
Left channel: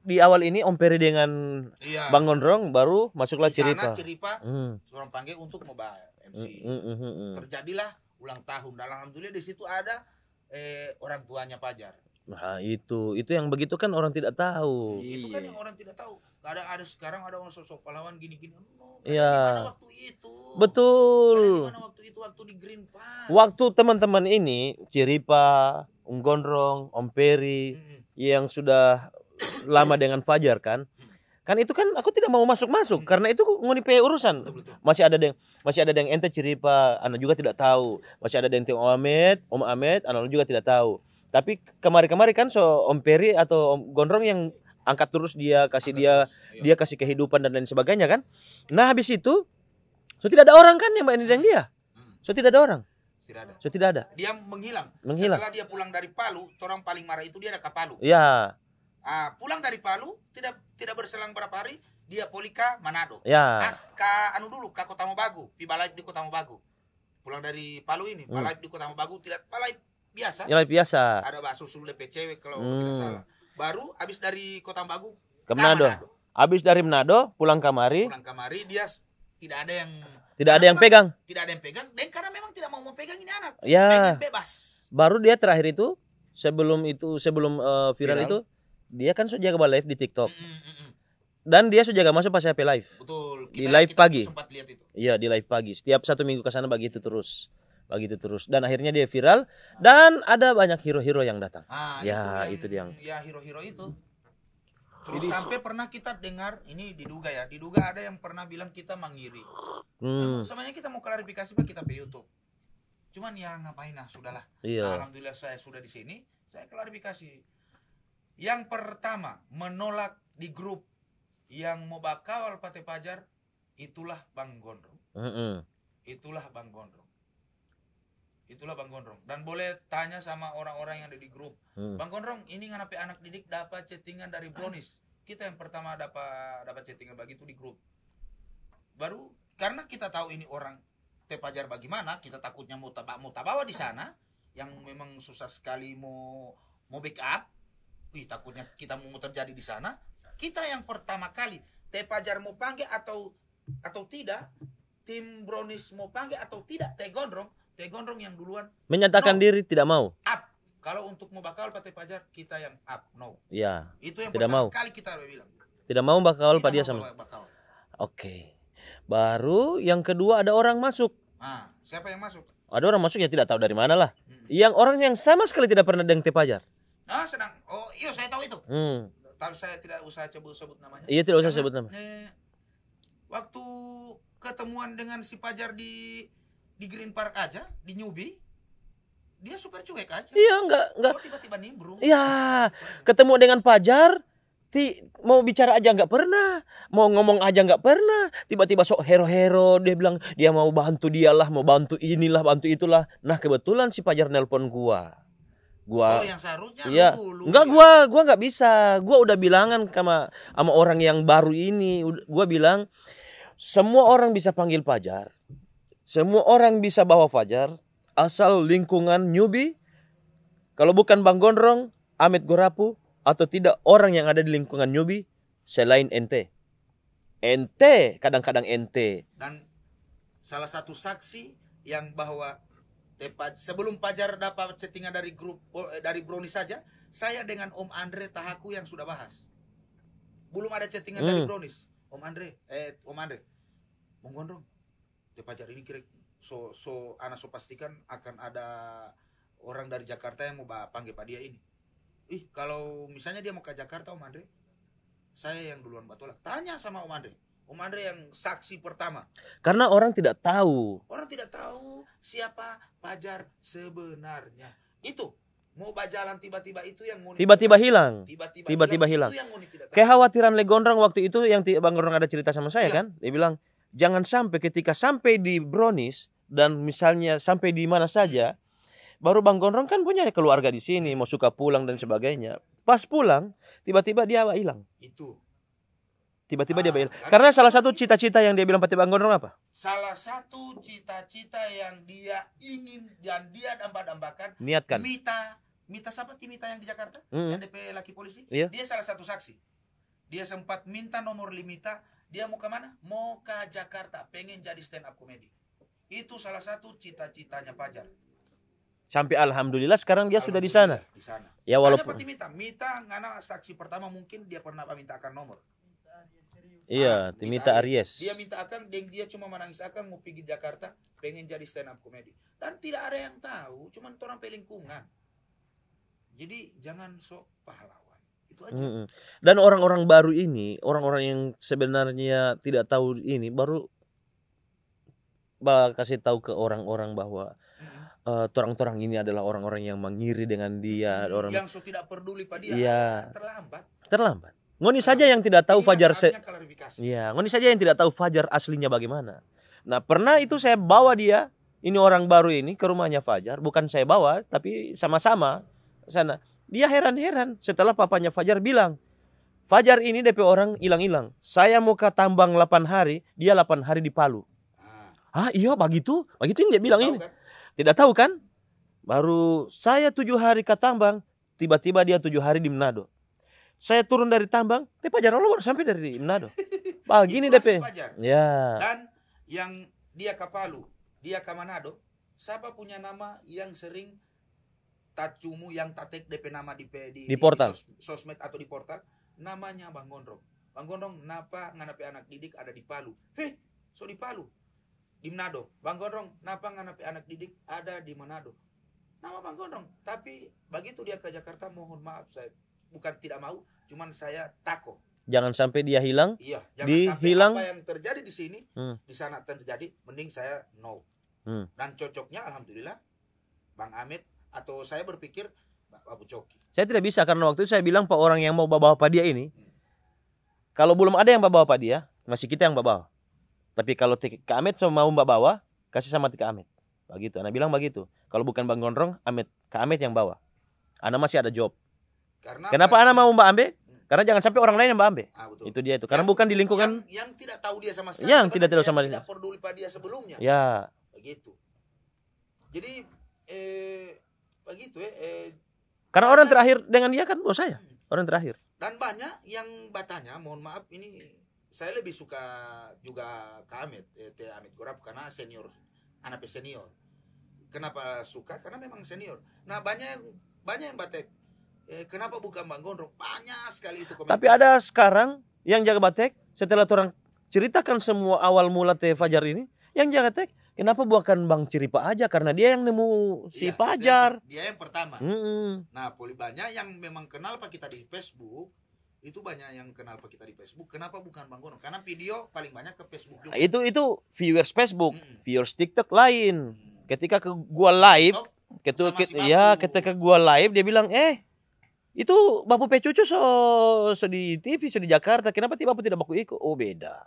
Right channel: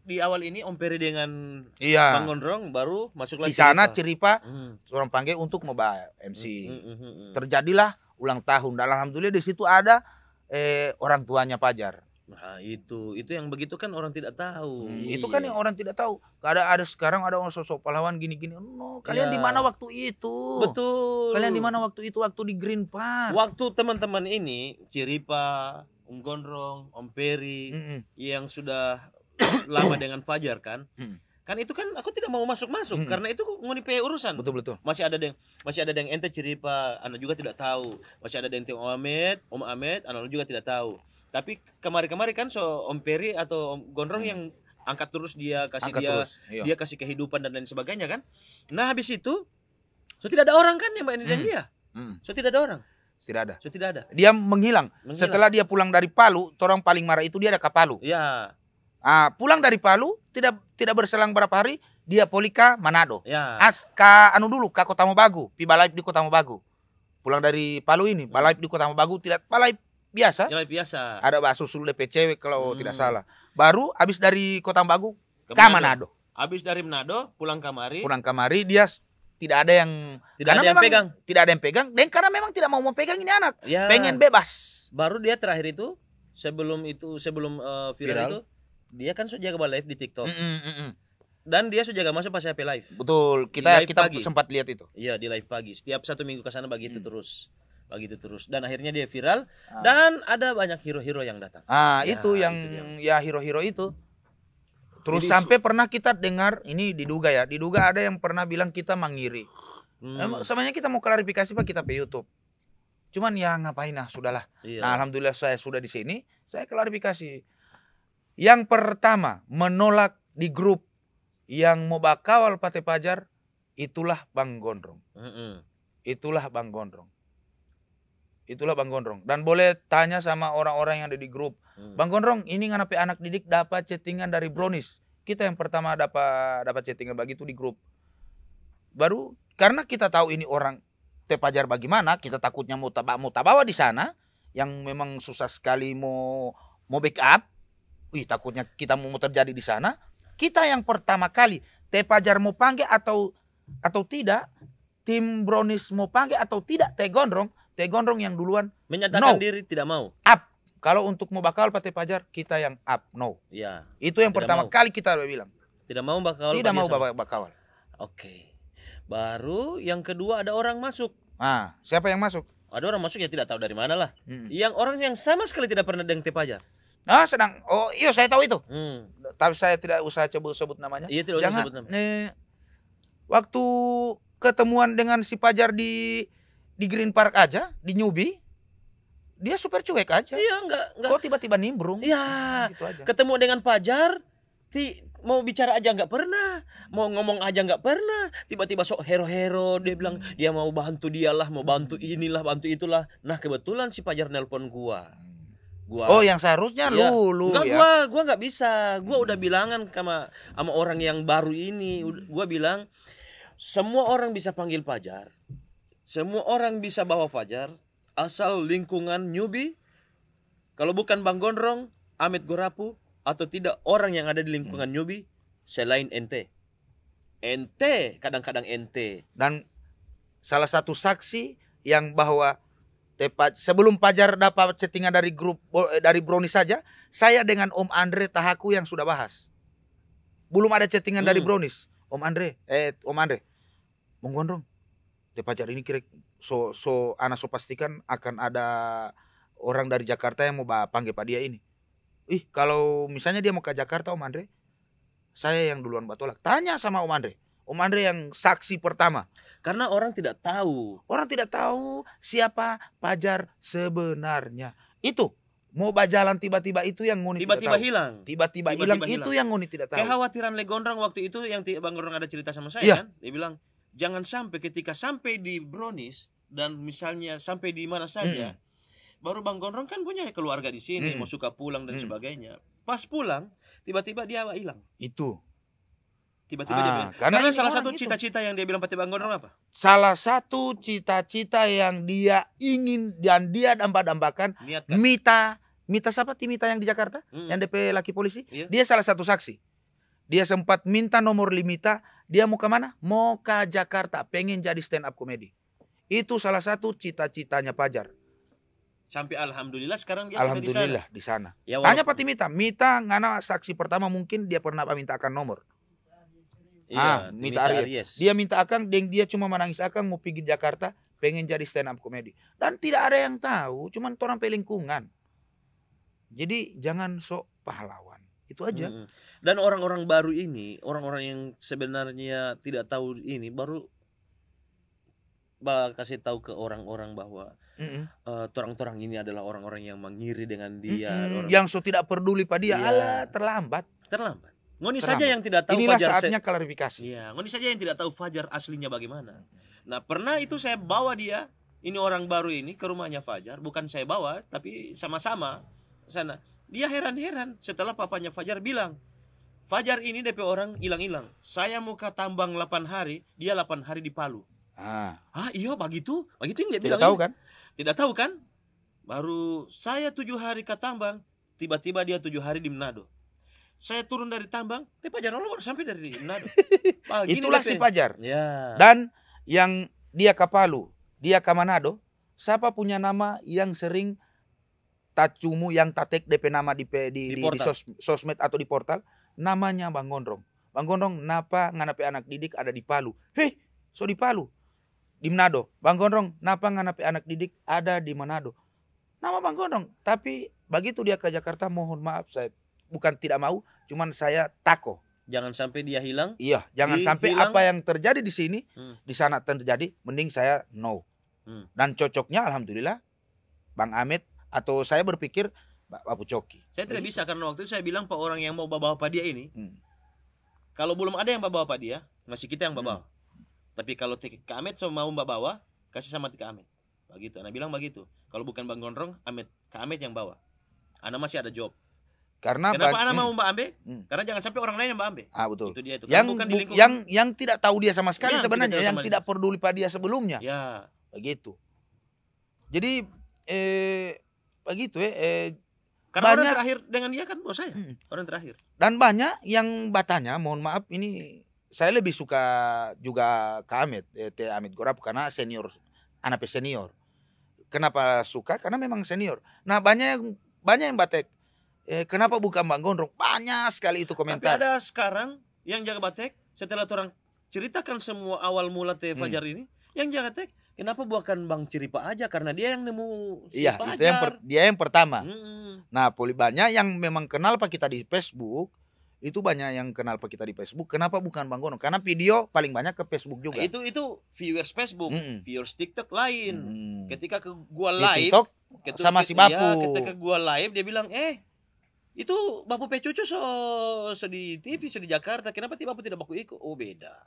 di awal ini Om Peri dengan Bang Gondrong baru masuklah di sana Ciripa. Orang panggil untuk mau MC. Terjadilah ulang tahun. Dan alhamdulillah di situ ada orang tuanya Fajar. Nah itu yang begitu kan orang tidak tahu. Itu kan yang orang tidak tahu. Ada sekarang ada orang sosok pahlawan gini-gini. Kalian di mana waktu itu? Betul. Kalian di mana waktu itu? Waktu di Green Park. Waktu teman-teman ini Ciripa, Om Gondrong, Om Peri yang sudah lama dengan Fajar kan. Kan itu kan aku tidak mau masuk karena itu ngonipe urusan. Betul. Masih ada yang ente Ciripa, anak juga tidak tahu. Masih ada yang Om Ahmed, anak juga tidak tahu. Tapi kemarin kan Om Peri atau Om Gondrong yang angkat terus dia kasih dia kasih kehidupan dan lain sebagainya kan. Nah habis itu tidak ada orang kan yang Mbak Nidang dia. Tidak ada orang. Tidak ada. Dia menghilang. Setelah dia pulang dari Palu, orang paling marah itu dia ada ke Palu. Ya. Pulang dari Palu tidak berselang berapa hari dia polika Manado. Ya. Ka Kota Mobagu, piba live di Kota Mobagu. Pulang dari Palu ini, live di Kota Mobagu tidak live biasa. Ya live biasa. Ada bakso sul DP cewek kalau tidak salah. Baru habis dari Kota Mobagu ke Manado. Habis dari Manado pulang kamari dia tidak ada yang pegang. Tidak ada yang pegang. Dan karena memang tidak mau pegang ini anak. Ya. Pengen bebas. Baru dia terakhir itu sebelum viral itu dia kan sudah jaga live di TikTok. Dan dia sudah jaga masuk pas HP live. Betul. Kita pagi. Sempat lihat itu. Iya di live pagi. Setiap 1 minggu ke sana begitu terus. Dan akhirnya dia viral dan ada banyak hero-hero yang datang. Itu hero-hero itu. Terus sampai pernah kita dengar ini diduga ada yang pernah bilang kita mengiri. Sebenarnya kita mau klarifikasi Pak kita ke YouTube. Cuman ya ngapain sudahlah. Iya. Nah, alhamdulillah saya sudah di sini, saya klarifikasi. Yang pertama menolak di grup yang mau bakawal Pate Fajar itulah Bang Gondrong. Itulah Bang Gondrong. Itulah Bang Gondrong. Dan boleh tanya sama orang-orang yang ada di grup. Bang Gondrong, ini nganape anak didik dapat chattingan dari Brownies. Kita yang pertama dapat chattingan begitu di grup. Baru karena kita tahu ini orang Tepajar bagaimana, kita takutnya mau tabawa di sana yang memang susah sekali mau backup. Takutnya kita mau terjadi di sana. Kita yang pertama kali Tepajar mau panggil atau tidak, tim Brownies mau panggil atau tidak, Teh Gondrong yang duluan menyatakan diri tidak mau. Up. Kalau untuk mau bakal Pak Tepajar, kita yang up, no. Ya. Itu yang pertama kali kita udah bilang. Tidak mau bakal Tidak dia mau sama. bakal. Oke. Baru yang kedua ada orang masuk. Nah, siapa yang masuk? Ada orang masuk yang tidak tahu dari mana lah. Yang orang yang sama sekali tidak pernah dengan Tepajar. Iya saya tahu itu. Tapi saya tidak usah sebut namanya. Iya, tidak usah sebut nama. Waktu ketemuan dengan si Pajar di Green Park aja, di Newbie, dia super cuek aja. Iya, enggak. Kok tiba-tiba nimbrung? Iya, gitu ketemu dengan Pajar, mau bicara aja nggak pernah, mau ngomong aja nggak pernah. Tiba-tiba sok hero-hero, dia bilang dia mau bantu dialah, mau bantu inilah, bantu itulah. Nah kebetulan si Pajar nelpon gua. Oh, yang seharusnya lu. Enggak, gua nggak bisa. Gua udah bilangan sama orang yang baru ini. Gua bilang semua orang bisa panggil Pajar. Semua orang bisa bawa Fajar, asal lingkungan Newbie, kalau bukan Bang Gondrong, Ahmed Gorapu, atau tidak orang yang ada di lingkungan Newbie, selain ente. Ente, kadang-kadang ente. Dan salah satu saksi yang bahwa sebelum Pajar dapat chattingan dari grup, dari Brownies saja, saya dengan Om Andre Tahaku yang sudah bahas. Belum ada chattingan dari Brownies. Om Andre, Bang Gondrong, Tepajar ini kira anak pastikan akan ada orang dari Jakarta yang mau panggil Pak dia ini. Kalau misalnya dia mau ke Jakarta Om Andre, saya yang duluan batolak. Tanya sama Om Andre. Om Andre yang saksi pertama. Karena orang tidak tahu. Orang tidak tahu siapa Pajar sebenarnya. Itu mau berjalan tiba-tiba itu yang Ngoni tiba-tiba hilang. Tiba-tiba hilang. Itu yang Ngoni tidak tahu. Kekhawatiran Le Gondrong waktu itu yang Bang Gondrong ada cerita sama saya kan. Dia bilang jangan sampai ketika sampai di Brownies dan misalnya sampai di mana saja, baru Bang Gondrong kan punya keluarga di sini, mau suka pulang dan sebagainya. Pas pulang, tiba-tiba dia hilang. Itu. Tiba-tiba dia hilang. Karena salah satu cita-cita yang dia bilang pada Bang Gondrong apa? Salah satu cita-cita yang dia ingin dan dia dambakan niatkan. Mita siapa? Mita yang di Jakarta, yang DP laki polisi. Iya. Dia salah satu saksi. Dia sempat minta nomor Limita. Dia mau ke mana? Mau ke Jakarta, pengen jadi stand up comedy. Itu salah satu cita-citanya Pajar. Sampai alhamdulillah sekarang dia sudah di sana. Di sana. Ya, hanya pati Mita ngana saksi pertama mungkin dia pernah mintakan nomor. Iya, Mita Aries. Dia minta akan, dia cuma menangis akan mau pergi Jakarta, pengen jadi stand up comedy. Dan tidak ada yang tahu, cuman orang pelingkungan. Jadi jangan sok pahlawan. Itu aja. Dan orang-orang baru ini, orang-orang yang sebenarnya tidak tahu ini, baru kasih tahu ke orang-orang bahwa orang-orang ini adalah orang-orang yang mengiri dengan dia. Yang tidak peduli pada dia, terlambat. Ngoni saja yang tidak tahu Fajar. Saatnya klarifikasi. Iya, Ngoni saja yang tidak tahu Fajar aslinya bagaimana. Nah, pernah itu saya bawa dia, ini orang baru ini ke rumahnya Fajar, bukan saya bawa, tapi sama-sama sana. Dia heran-heran setelah papanya Fajar bilang, Fajar ini DP orang hilang-hilang. Saya mau ke tambang 8 hari, dia 8 hari di Palu. Iya begitu? Begitu ini dia bilang ini. Kan? Tidak tahu kan? Baru saya 7 hari ke tambang, tiba-tiba dia 7 hari di Manado. Saya turun dari tambang, Fajar baru sampai dari Manado. Itulah si Fajar. Ya. Dan yang dia ke Palu, dia ke Manado, siapa punya nama yang sering tacumu yang tatek DP nama di portal. Di sosmed atau di portal, namanya Bang Gondrong. Bang Gondrong, napa nganape anak didik ada di Palu? So di Palu. Di Manado. Bang Gondrong, napa nganape anak didik ada di Manado? Nama Bang Gondrong. Tapi begitu dia ke Jakarta, mohon maaf saya bukan tidak mau, cuman saya tako. Jangan sampai dia hilang. Iya, jangan sampai apa yang terjadi di sini, di sana terjadi, mending saya no. Dan cocoknya alhamdulillah Bang Ahmed atau saya berpikir Bapak Coki. Saya tidak bisa karena waktu itu saya bilang Pak orang yang mau bawa Pak dia ini, kalau belum ada yang bawa Pak dia, masih kita yang bawa. Tapi kalau Tika Ahmed mau bawa, kasih sama Tika Ahmed. Begitu. Ana bilang begitu. Kalau bukan Bang Gondrong, Kak Amet yang bawa. Ana masih ada job. Karena Kenapa Ana mau Mbak Ambe? Hmm. Karena jangan sampai orang lain yang Mbak Ambe. Betul. Itu dia itu. Karena bukan di lingkungan yang tidak tahu dia sama sekali Yang sebenarnya, tidak tahu yang sama tidak peduli pada dia sebelumnya. Ya. Begitu. Jadi begitu Karena banyak- orang terakhir dengan dia kan bos saya. Orang terakhir. Dan banyak yang bertanya, mohon maaf ini saya lebih suka juga ke Amit, Teh Amit Gorap karena senior, anak senior. Kenapa suka? Karena memang senior. Nah banyak yang batek. Kenapa bukan Bang Gondrong? Banyak sekali itu komentar. Tapi ada sekarang yang jaga batek setelah orang ceritakan semua awal mula Teh Fajar ini, yang jaga batek kenapa bukan Bang Ciripa aja? Karena dia yang nemu si Iya, itu Fajar. dia yang pertama. Mm-mm. Nah, banyak yang memang kenal Pak kita di Facebook. Itu banyak yang kenal Pak kita di Facebook. Kenapa bukan Bang Gondrong? Karena video paling banyak ke Facebook juga. Itu viewers Facebook, Mm-mm. viewers TikTok lain. Hmm. Ketika gua Di live, TikTok, sama si Bapu. ya ketika gua live dia bilang, itu Bapu Pecucu so di TV, so di Jakarta. Kenapa Bapu tidak baku ikut? Oh beda.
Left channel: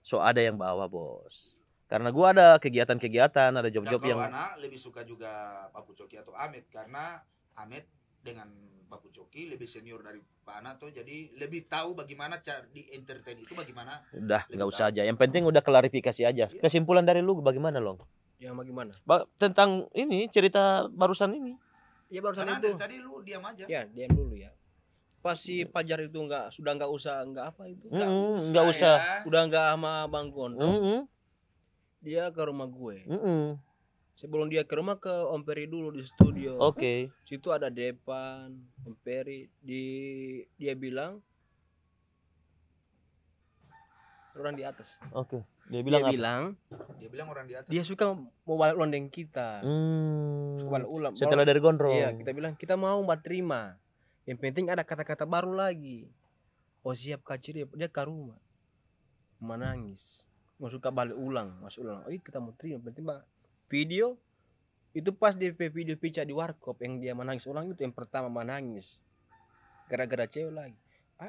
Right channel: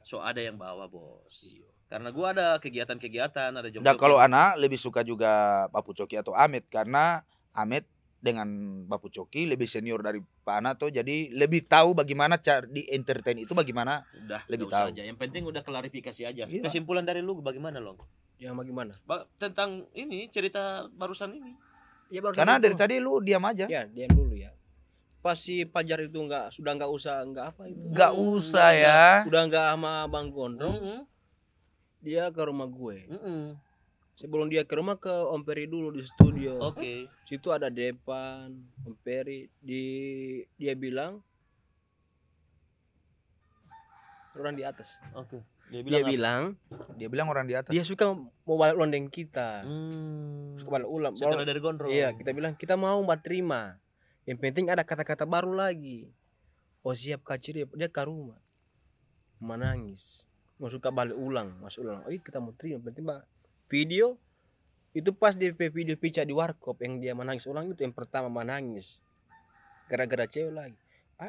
So ada yang bawa bos. Karena gua ada kegiatan-kegiatan, ada Nah, job-job kalau yang... anak lebih suka juga Bapu Coki atau Amit karena Amit dengan Bapu Coki lebih senior dari Pak Ana tuh, jadi lebih tahu bagaimana cara di entertain itu bagaimana. Udah, lebih nggak usah tahu. aja. Yang penting udah klarifikasi aja. Iya. Kesimpulan dari lu bagaimana, Long? Yang bagaimana? Tentang ini cerita barusan ini. Ya baru Karena dari tadi lu diam aja. ya diam dulu ya. Pas si Fajar itu sudah nggak usah apa itu. Nggak Mm, usah nggak usah. ya. Udah nggak sama Bang Gondrong. Mm-mm. Dia ke rumah gue. Mm-mm. Sebelum dia ke rumah ke Om Peri dulu di studio. Oke. Situ ada Depan, Om Peri. Dia bilang orang di atas. Oke. Dia Dia bilang apa? bilang Dia bilang orang di atas. dia suka mau balik ulang dengan kita. Hmm. Suka balik ulang. Setelah dari Gondrong. Iya, kita bilang kita mau mbak terima. Yang penting ada kata-kata baru lagi. Oh siap Kak Ciri, dia ke rumah. Menangis. Mau suka balik ulang, masuk ulang. Oh iya kita mau terima. Penting mbak video itu pas di video pica di warkop yang dia menangis ulang itu yang pertama menangis. Gara-gara cewek lagi.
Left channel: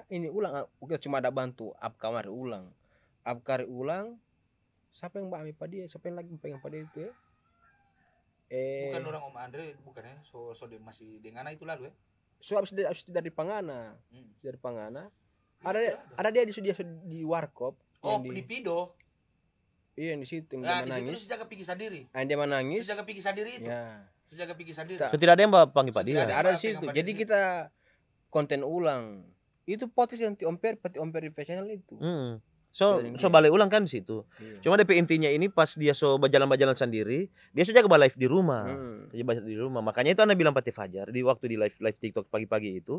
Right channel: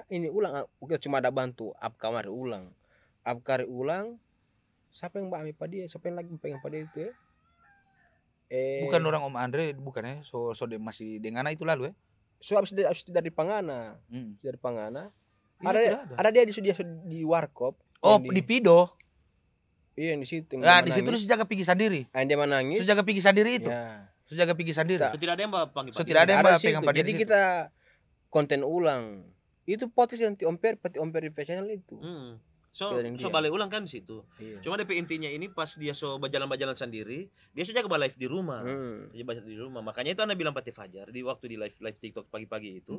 Ini ulang, kita cuma ada bantu up kamar ulang. Up kamar ulang. Siapa yang mbak ambil pada dia? Siapa yang lagi pengen pada itu ya? Bukan orang Om Andre, bukan ya. So dia masih dengan itu lalu ya. So abis dari Pangana, Hmm. dari Pangana. Iya, Ada tidak ada dia di warkop. Oh, yang di Pido. Iya di situ. Nah, di situ dia jaga pergi sendiri. Dia menangis. Jaga pergi sendiri itu. Ya. Jaga pergi sendiri. So, tidak ada yang panggil So, Pak tidak Dina? ada yang Ada di pegang situ. pada Jadi di situ. kita konten ulang. Itu potis yang pati Om Peri profesional itu. Hmm. So Dari dia. balik ulang kan di situ. Iya. Cuma DP intinya ini pas dia berjalan-jalan sendiri, dia sudah ke live di rumah. Hmm. Dia baca di rumah. Makanya itu Anda bilang Pati Fajar di waktu di live TikTok pagi-pagi itu.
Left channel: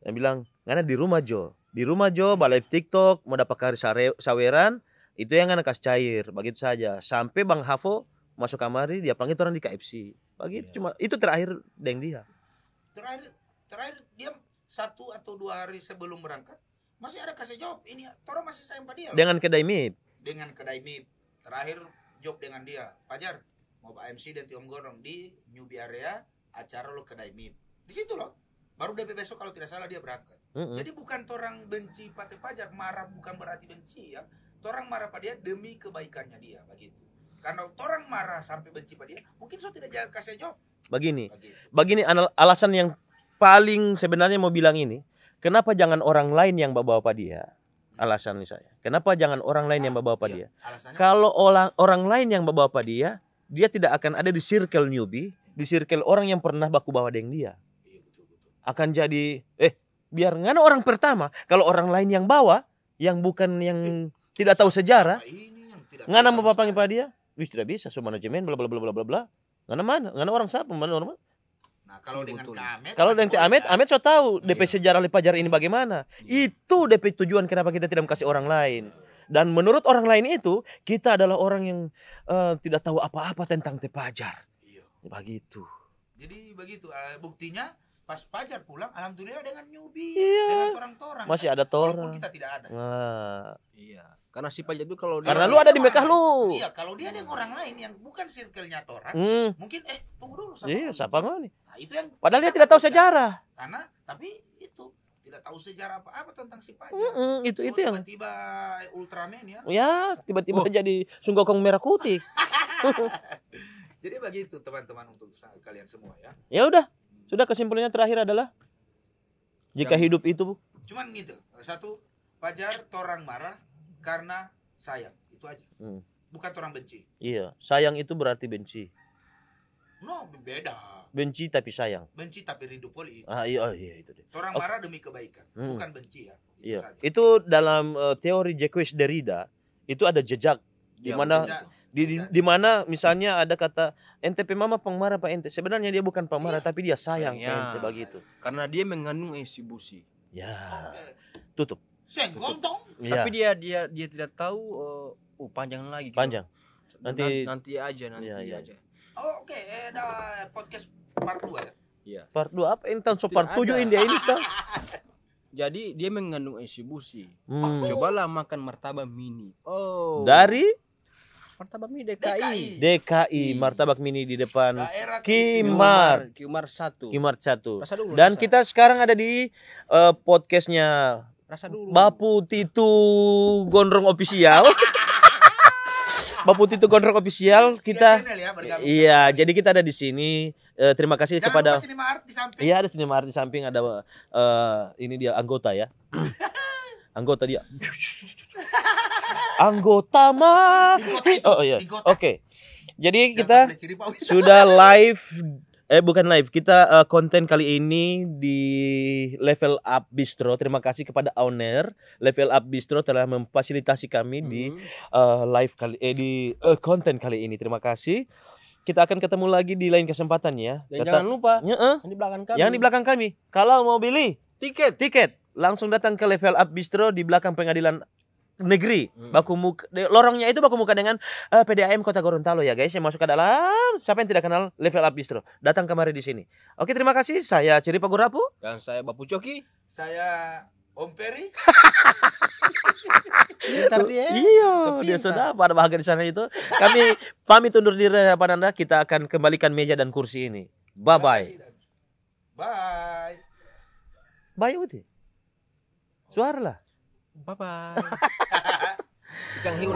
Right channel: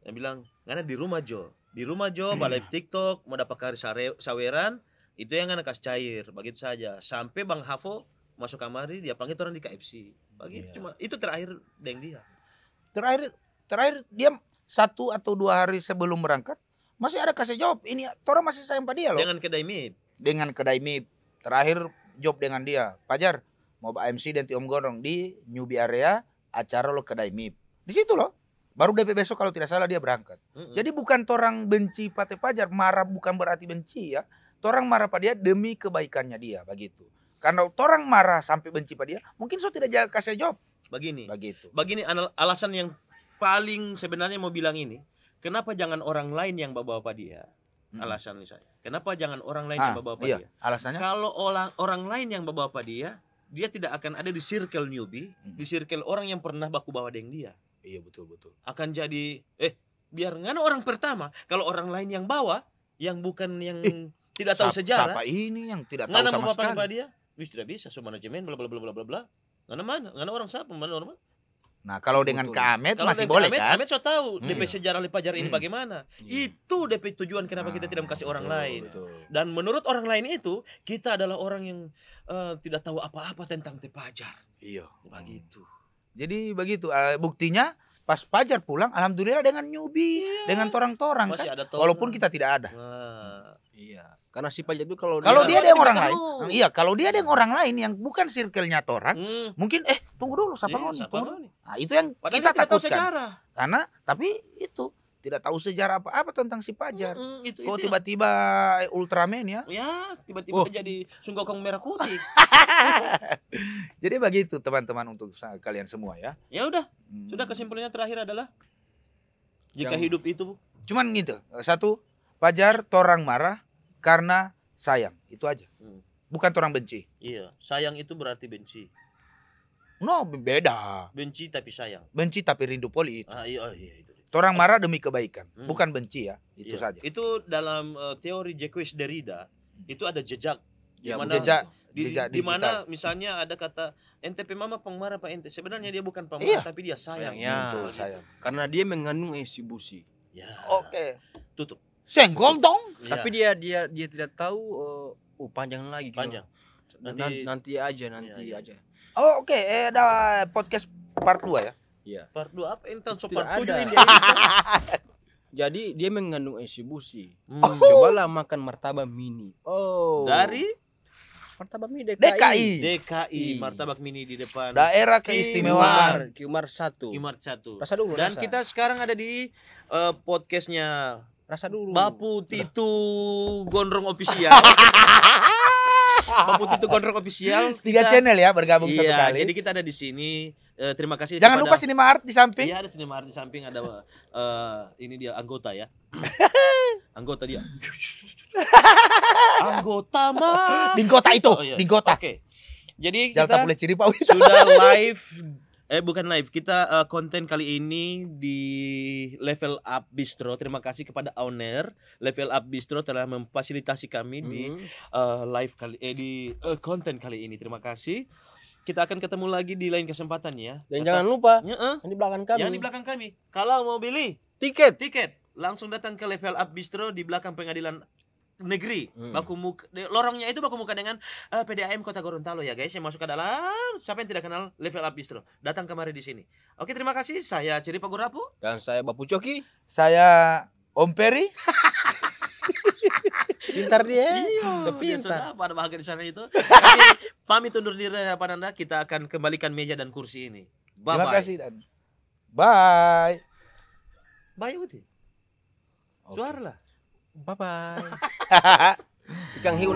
Dia bilang, "Ngana di rumah Jo. Di rumah Jo, live TikTok, mau dapat kari saweran, itu yang Ngana kasih cair, begitu saja. Sampai Bang Hafo masuk kamari, dia panggil orang di KFC. Begitu Iya. cuma itu terakhir dengan dia. Terakhir dia 1 atau 2 hari sebelum berangkat masih ada kasih jawab. Ini orang masih sayang pada dia loh. Dengan kedai mie. Dengan kedai mie terakhir job dengan dia. Fajar mau MC dan Om Gondrong di newbie area acara lo kedai mie. Di situ loh. Baru DP besok kalau tidak salah dia berangkat. Mm-mm. Jadi bukan torang benci Pate Fajar, marah bukan berarti benci ya. Torang marah pada dia demi kebaikannya dia begitu. Karena torang marah sampai benci pada dia, mungkin so tidak jaga kasih jawab Begini. begitu. Begini alasan yang paling sebenarnya mau bilang ini, kenapa jangan orang lain yang bawa dia? Alasan ini saya. Kenapa jangan orang lain yang bawa dia? Alasannya Kalau orang lain yang bawa dia tidak akan ada di circle newbie, di circle orang yang pernah baku bawa dengan dia. iya betul. Akan jadi biar ngana orang pertama, kalau orang lain yang bawa yang bukan yang tidak tahu sejarah, Siapa ini yang tidak tahu ngana sama mau panggil sekali? pada dia, wis tidak bisa, so manajemen bla bla bla bla bla bla. Ngana orang siapa? Mana orang? Nah, kalau dengan Betul. Kak Amet Kalau masih dengan boleh Amet, kan? Amet so tahu DP Iya. sejarah Fajar ini Hmm. bagaimana. Iya. Itu DP tujuan kenapa kita tidak kasih orang lain. Betul. Dan menurut orang lain itu, kita adalah orang yang tidak tahu apa-apa tentang Fajar. Iya. Begitu. Jadi begitu buktinya pas Fajar pulang alhamdulillah dengan newbie, Iya. dengan torang-torang Masih kan? ada torang. Walaupun kita tidak ada. Nah, Iya. Karena si Fajar itu kalau Kalau Lalu dia ada ada di orang belakang lain. lu. Iya, kalau dia dengan orang lain yang bukan circle-nya torang, mungkin tunggu dulu siapa Iya, ngomong? siapa ngomong nih? Nah, itu yang Padahal kita dia tidak tahu takutkan. sejarah. Karena tapi itu tidak tahu sejarah apa-apa tentang si Fajar. Itu Oh yang tiba-tiba Ultraman ya. ya tiba-tiba jadi Sunggokong merah putih. Jadi begitu teman-teman untuk kalian semua ya. Ya udah, sudah kesimpulannya terakhir adalah jika Yang- hidup itu Cuman gitu. Satu, Fajar torang marah karena sayang. Itu aja. Bukan torang benci. iya, sayang itu berarti benci. No, beda. Benci tapi sayang. Benci tapi rindu poli. Iya itu deh. Torang marah demi kebaikan, Hmm. bukan benci ya. Itu Iya. saja. Itu dalam teori Jacques Derrida itu ada jejak di Ya, mana jejak. Jejak di mana misalnya ada kata ente pemama pengmarah Pak ente. Sebenarnya dia bukan pemarah Iya. tapi dia sayang. Sayang, Ente, ya. begitu. Karena dia mengandung esi busi. Ya. Oke. Tutup. Senggol dong. Iya. Tapi dia tidak tahu panjang lagi. gitu. Panjang. Nanti- Nanti aja. Iya. aja. Oh, oke. Ada podcast part 2 ya. Iya. Part 2 apa? Intan so Tidak part 7 ada. India ini sekarang. Jadi dia mengandung esi busi. Hmm. Cobalah makan martabak mini. Oh. Dari martabak mini DKI. DKI martabak mini di depan Daerah Kimar. keistimewaan. Kimar 1. Kimart 1. Rasa dulu. Dan rasa. kita sekarang ada di podcastnya rasa dulu. Bapu Titu Gondrong Official. Bapu Titu Gondrong Official. 3 Kita channel ya bergabung satu iya, kali. jadi kita ada di sini. Terima kasih Jangan kepada lupa Cinema Art di samping. iya, ada Cinema Art di samping ada ini dia anggota ya. Anggota dia. Anggota mah. Di kota itu, Oh, iya. di kota. Oke. Jadi Jangan kita boleh ciri Pak Wis. sudah live bukan live, kita konten kali ini di Level Up Bistro. Terima kasih kepada owner Level Up Bistro telah memfasilitasi kami di live kali di konten kali ini. Terima kasih. Kita akan ketemu lagi di lain kesempatan ya. Dan Tetap- jangan lupa Heeh. yang di belakang kami. Yang di belakang kami. Kalau mau beli tiket langsung datang ke Level Up Bistro di belakang pengadilan negeri. Baku muka, lorongnya itu baku muka dengan PDAM Kota Gorontalo ya guys. Yang masuk ke dalam. Siapa yang tidak kenal Level Up Bistro? Datang kemari di sini. Oke, terima kasih. Saya Ciri Pagurapu. Dan saya Bapu Coki. Saya Om Peri. Pintar dia. Iya, dia Sepintar. sudah pada bahagia di sana itu. Kami pamit undur diri dari hadapan Anda. Kita akan kembalikan meja dan kursi ini. Bye Terima bye. kasih dan bye. Bye Uti. Suara lah. Bye bye. Ikan hiu.